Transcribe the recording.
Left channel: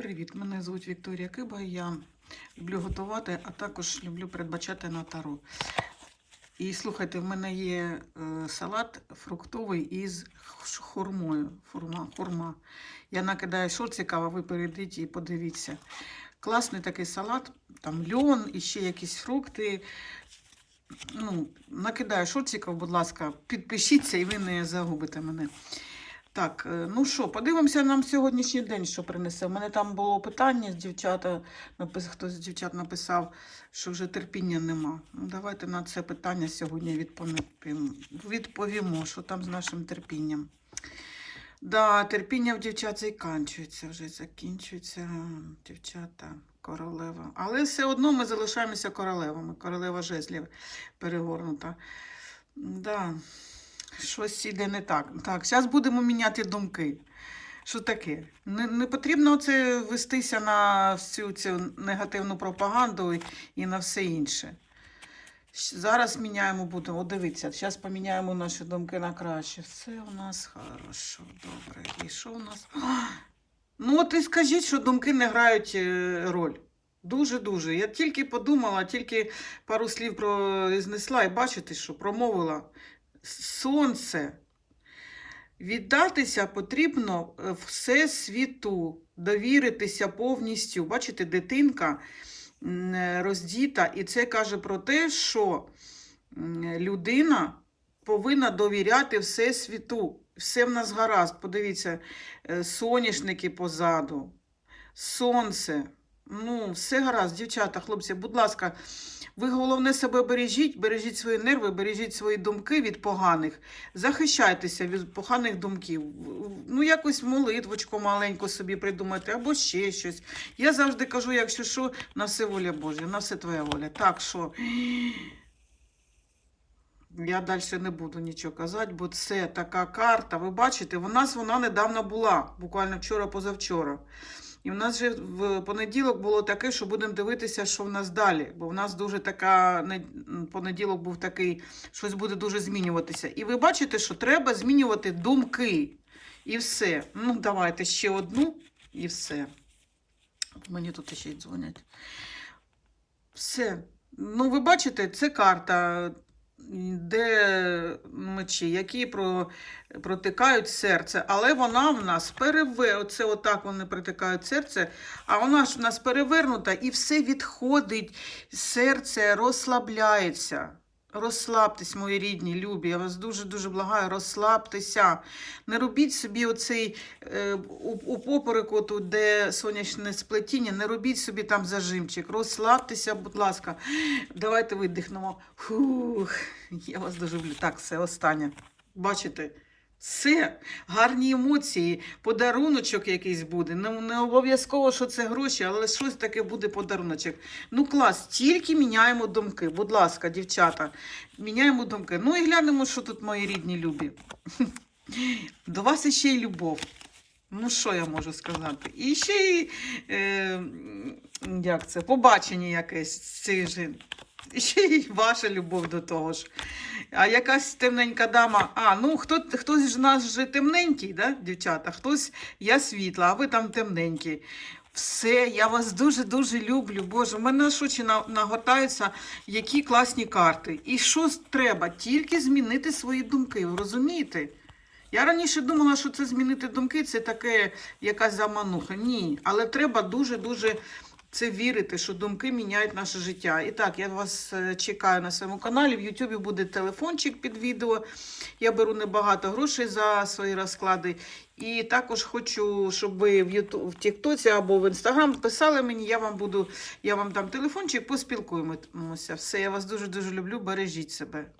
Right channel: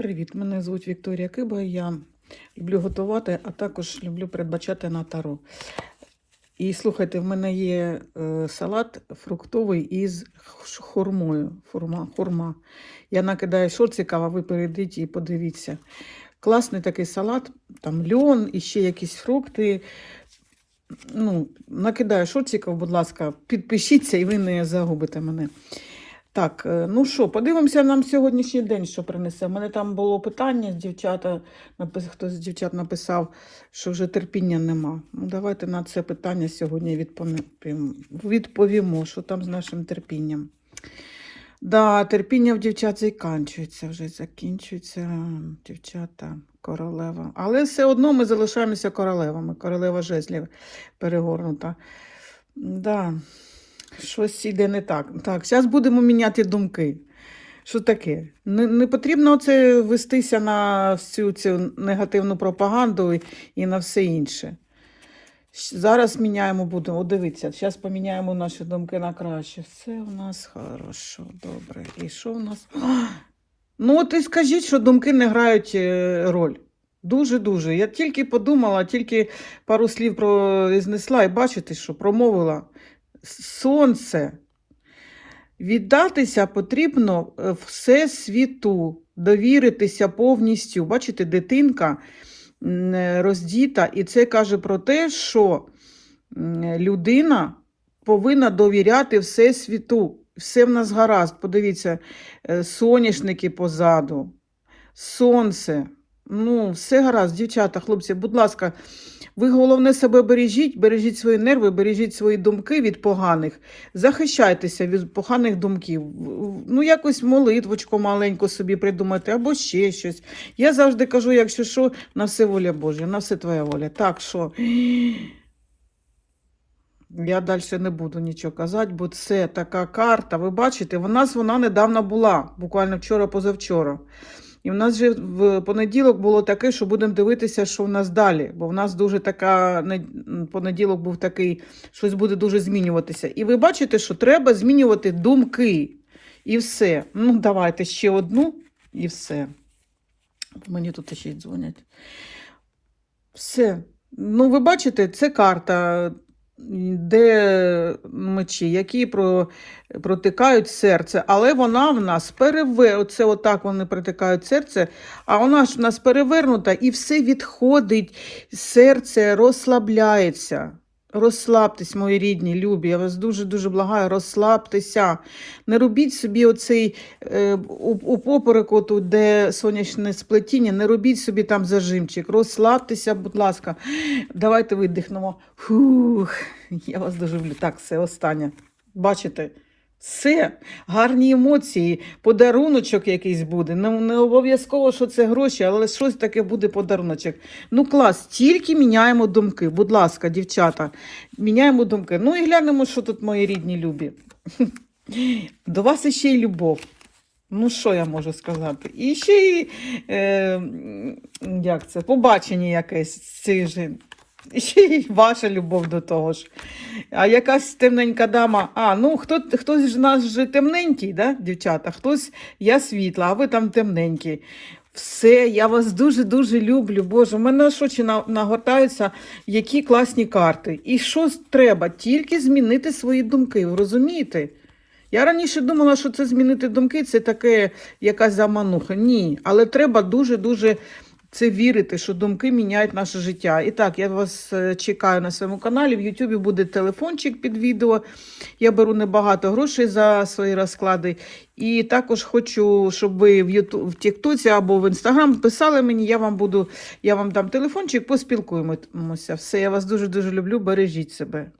Привіт, мене звуть Вікторія Киба. Я люблю готувати, а також люблю передбачати на таро. І слухайте, в мене є е, салат фруктовий із х- хурмою. Хурма, хурма. Я накидаю шорциків, а ви перейдіть і подивіться. Класний такий салат, там льон і ще якісь фрукти. Ну, накидаю шорциків, будь ласка, підпишіться і ви не загубите мене. Так, е, ну що, подивимося нам сьогоднішній день, що принесе. У мене там було питання, дівчата, хтось з дівчат написав, що вже терпіння нема. Ну, давайте на це питання сьогодні відповімо, відповімо що там з нашим терпінням. Да, терпіння в дівчат закінчується, вже закінчується, дівчата, королева. Але все одно ми залишаємося королевами. Королева жезлів перегорнута. Да. Щось іде не так. Так, зараз будемо міняти думки. Що таке? Не, не потрібно оце вестися на всю цю негативну пропаганду і, на все інше. Зараз міняємо будемо. О, дивіться, зараз поміняємо наші думки на краще. Все у нас хорошо, добре. І що у нас? А! Ну, от і скажіть, що думки не грають е, роль. Дуже-дуже. Я тільки подумала, тільки пару слів произнесла, і бачите, що промовила сонце. Віддатися потрібно е, всесвіту, довіритися повністю. Бачите, дитинка е, роздіта, і це каже про те, що людина повинна довіряти всесвіту. Все в нас гаразд. Подивіться, е, соняшники позаду, сонце. Ну, все гаразд, дівчата, хлопці, будь ласка, ви головне себе бережіть, бережіть свої нерви, бережіть свої думки від поганих, захищайтеся від поганих думків. Ну, якось молитвочку маленьку собі придумати, або ще щось. Я завжди кажу, якщо що, на все воля Божа, на все твоя воля. Так що. Я далі не буду нічого казати, бо це така карта. Ви бачите, в нас вона недавно була, буквально вчора-позавчора. І в нас же в понеділок було таке, що будемо дивитися, що в нас далі. Бо в нас дуже така понеділок був такий, щось буде дуже змінюватися. І ви бачите, що треба змінювати думки. І все. Ну, давайте ще одну і все. Мені тут ще й дзвонять. Все. Ну, ви бачите, це карта, де мечі, які про, протикають серце, але вона в нас переве... Оце отак вони протикають серце, а вона ж в нас перевернута і все відходить, серце розслабляється. Розслабтесь, мої рідні, любі, я вас дуже-дуже благаю, розслабтеся. Не робіть собі оцей е, у, у попереку, тут, де сонячне сплетіння, не робіть собі там зажимчик. Розслабтеся, будь ласка. Давайте видихнемо. Фух, я вас дуже люблю. Так, все останнє. Бачите? Все, гарні емоції, подаруночок якийсь буде. Не, не обов'язково, що це гроші, але щось таке буде подаруночок. Ну клас, тільки міняємо думки. Будь ласка, дівчата, міняємо думки. Ну і глянемо, що тут мої рідні любі. До вас іще й любов. Ну, що я можу сказати? І ще й е, як це, побачення якесь цих жін. І ще й ваша любов до того ж. А якась темненька дама. А, ну хто, хтось ж нас же темненький, да, дівчата? Хтось я світла, а ви там темненькі. Все, я вас дуже-дуже люблю. Боже, в мене аж очі нагортаються, які класні карти. І що треба? Тільки змінити свої думки, розумієте? Я раніше думала, що це змінити думки, це таке якась замануха. Ні, але треба дуже-дуже це вірити, що думки міняють наше життя. І так, я вас е, чекаю на своєму каналі. В Ютубі буде телефончик під відео. Я беру небагато грошей за свої розклади. І також хочу, щоб ви в Юту в Тіктоці або в Інстаграм писали мені. Я вам буду, я вам дам телефончик, поспілкуємося. Все, я вас дуже дуже люблю. Бережіть себе.